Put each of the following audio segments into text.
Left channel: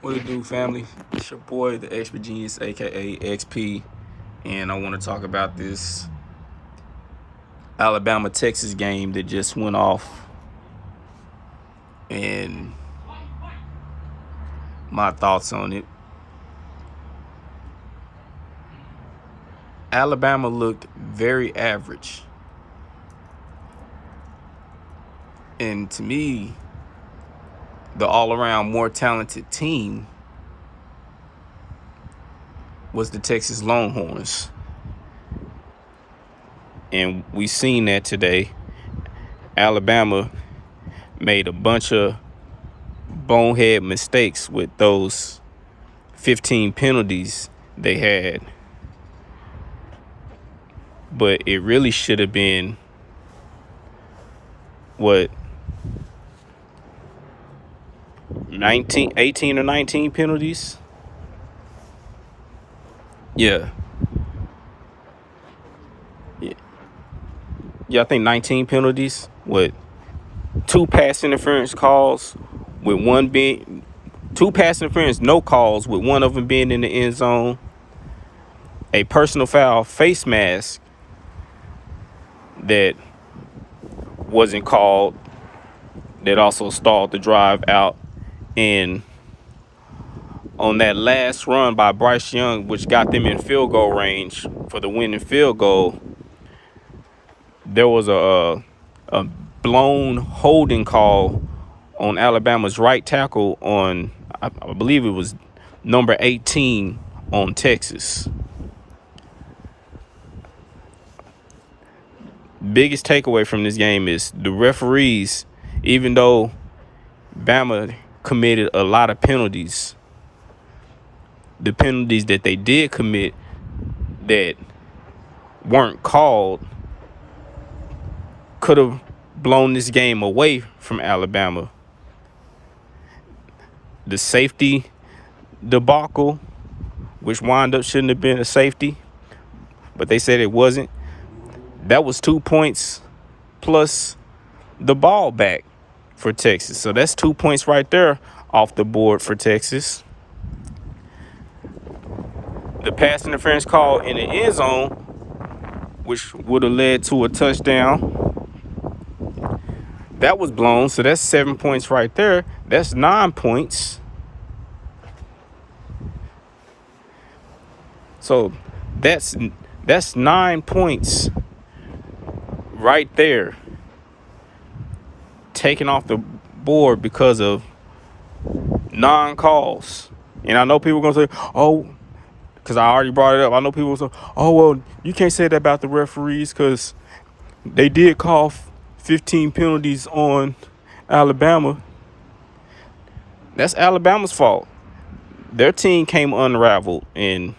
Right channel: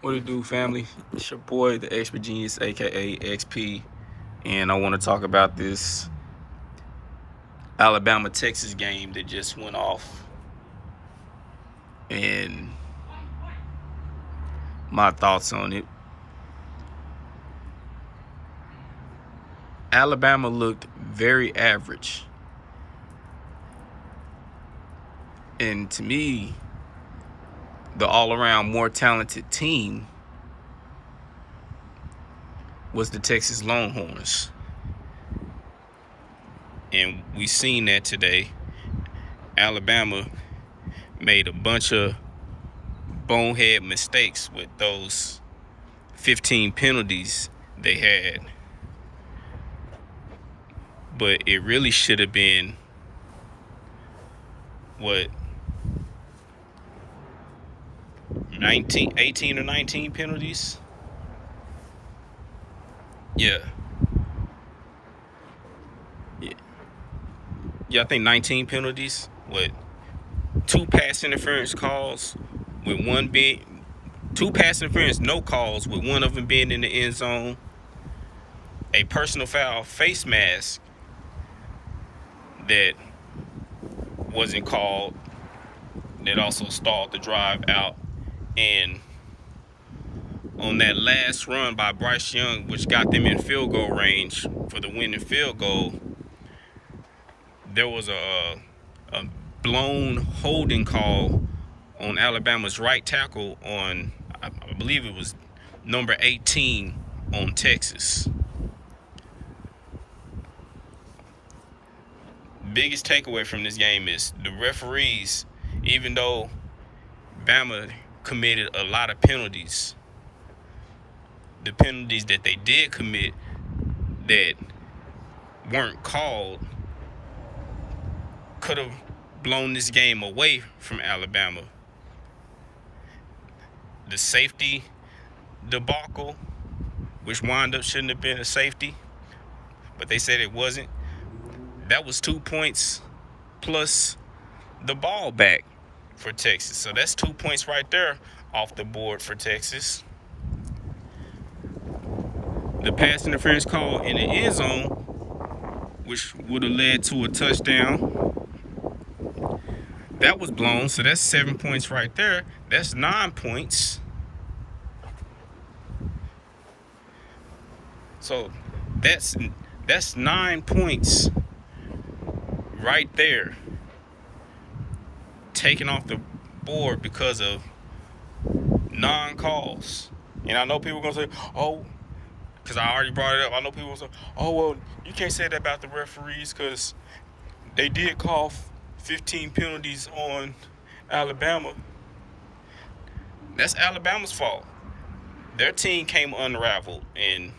What it do, family? It's your boy, the Expert Genius, aka XP, and I want to talk about this Alabama-Texas game that just went off, and my thoughts on it. Alabama looked very average, and to me, the all-around more talented team was the Texas Longhorns, and we seen that today. Alabama made a bunch of bonehead mistakes with those 15 penalties they had, but it really should have been 18 or 19 penalties. Yeah, I think 19 penalties with two pass interference calls, with one being two pass interference no calls, with one of them being in the end zone, a personal foul face mask that wasn't called, that also stalled the drive out, and on that last run by Bryce Young, which got them in field goal range for the winning field goal, there was a blown holding call on Alabama's right tackle on, I believe it was number 18 on Texas. Biggest takeaway from this game is the referees, even though Bama committed a lot of penalties, the penalties that they did commit that weren't called could have blown this game away from Alabama. The safety debacle, which wound up shouldn't have been a safety, but they said it wasn't. That was 2 points plus the ball back for Texas. So that's 2 points right there off the board for Texas. The pass interference call in the end zone, which would have led to a touchdown, that was blown. So that's 7 points right there. That's 9 points. So that's 9 points right there taken off the board because of non-calls. And I know people are going to say, oh, because I already brought it up. I know people will say, oh, well, you can't say that about the referees because they did call 15 penalties on Alabama. That's Alabama's fault. Their team came unraveled and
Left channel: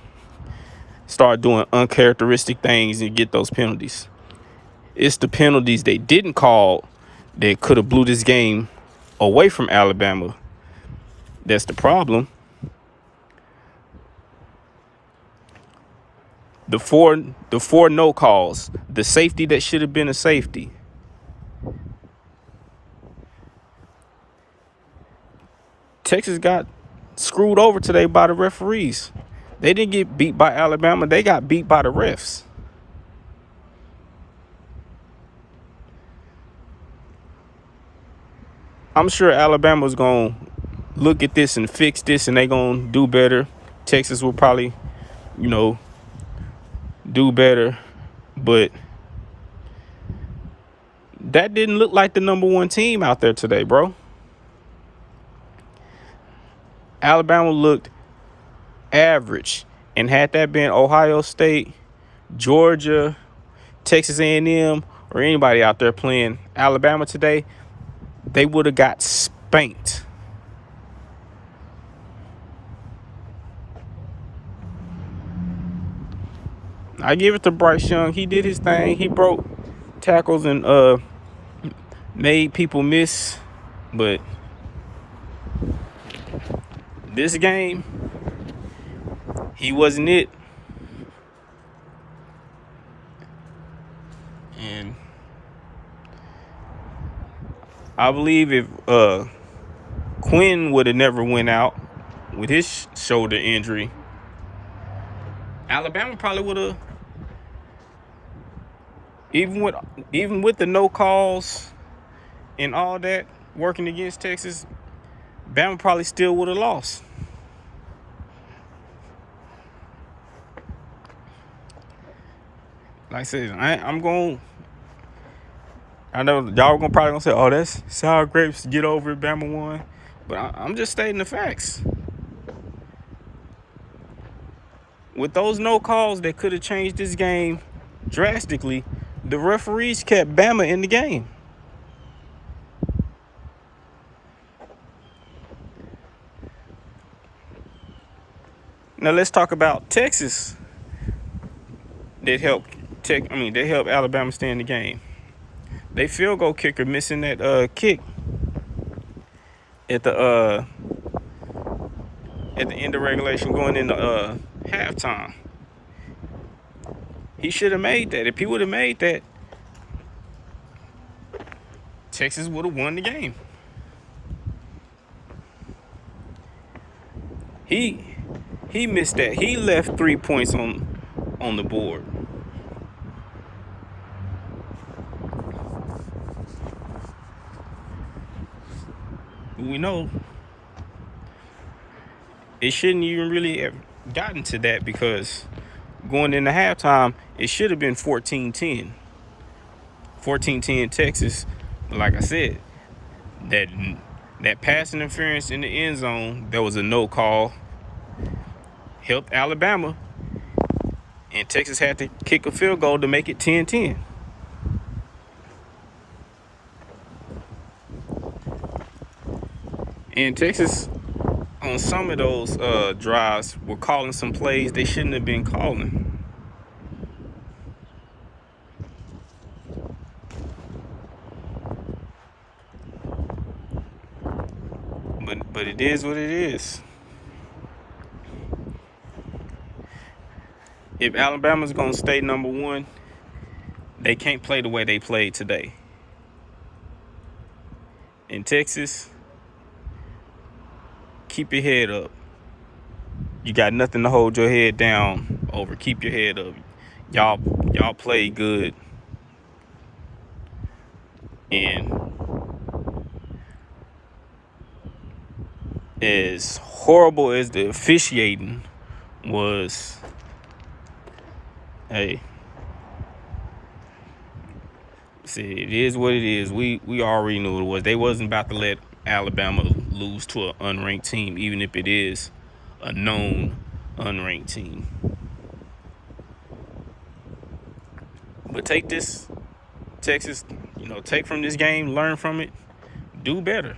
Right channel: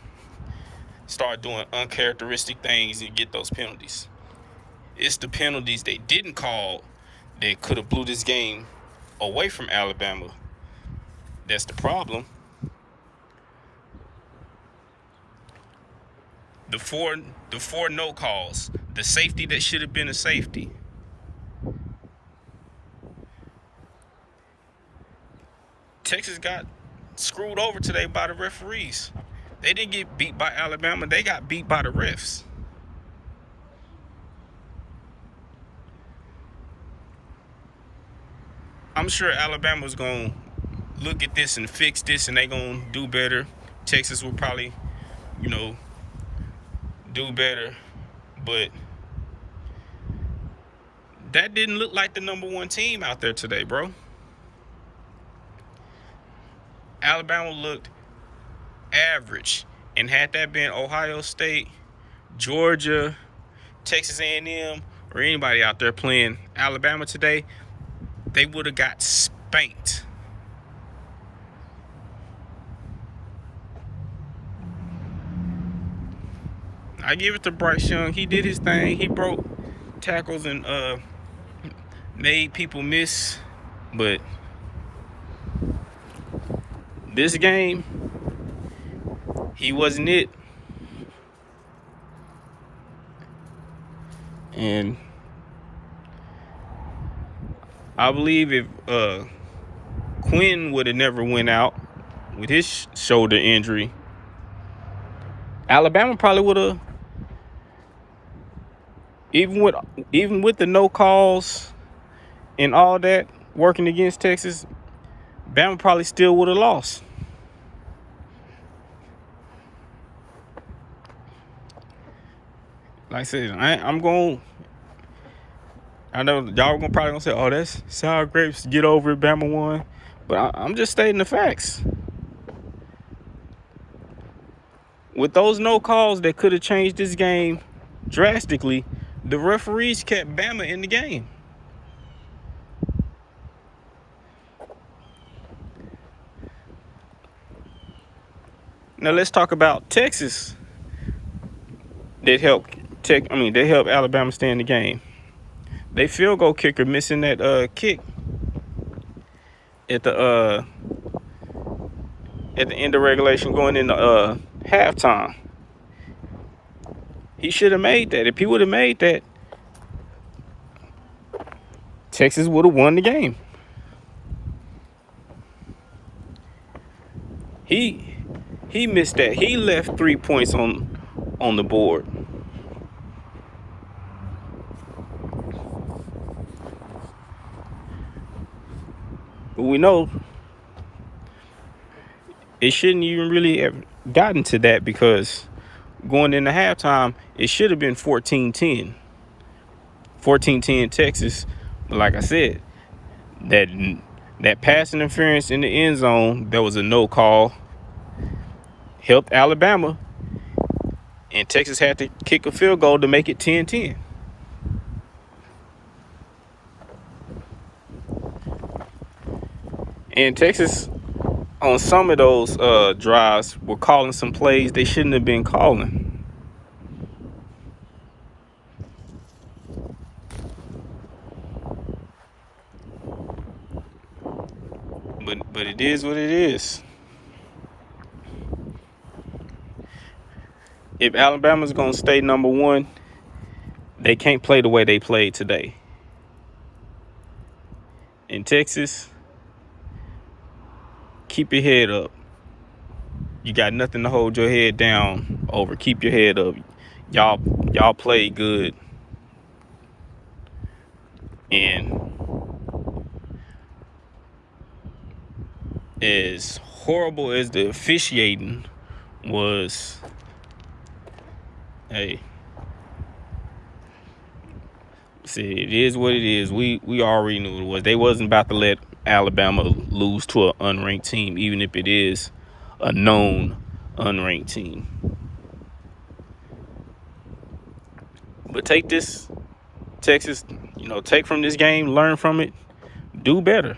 started doing uncharacteristic things and get those penalties. It's the penalties they didn't call that could have blew this game away from Alabama. That's the problem. The four no calls, the safety that should have been a safety. Texas got screwed over today by the referees. They didn't get beat by Alabama. They got beat by the refs. I'm sure Alabama's going to look at this and fix this, and they're going to do better. Texas will probably, do better. But that didn't look like the number one team out there today, bro. Alabama looked average. And had that been Ohio State, Georgia, Texas A&M, or anybody out there playing Alabama today, they would have got spanked. I give it to Bryce Young. He did his thing. He broke tackles and made people miss. But this game, he wasn't it. And I believe if Quinn would have never went out, with his shoulder injury, Alabama probably would have, even with the no calls and all that working against Texas, Bama probably still would have lost. Like I said, I know y'all probably gonna say, "Oh, that's sour grapes. Get over it, Bama won." But I'm just stating the facts. With those no calls that could have changed this game drastically, the referees kept Bama in the game. Now let's talk about Texas. That helped Alabama stay in the game. They field goal kicker missing that kick at the end of regulation going into halftime. He should have made that. If he would have made that, Texas would have won the game. He missed that. He left 3 points on the board. But we know it shouldn't even really have gotten to that, because going into halftime, it should have been 14-10. 14-10 Texas. But like I said, that pass interference in the end zone, there was a no call, helped Alabama, and Texas had to kick a field goal to make it 10-10. And Texas, on some of those drives, were calling some plays they shouldn't have been calling. But it is what it is. If Alabama's gonna stay number one, they can't play the way they played today. In Texas, keep your head up. You got nothing to hold your head down over. Keep your head up. Y'all play good. And as horrible as the officiating was, hey, see, it is what it is. We already knew what it was. They wasn't about to let Alabama lose to an unranked team, even if it is a known unranked team. But take this, Texas, take from this game, learn from it, do better.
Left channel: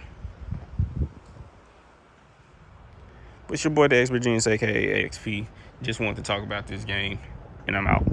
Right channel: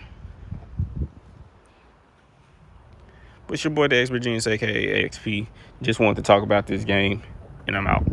But it's your boy, the Expert Genius, aka XP. Just wanted to talk about this game, and I'm out.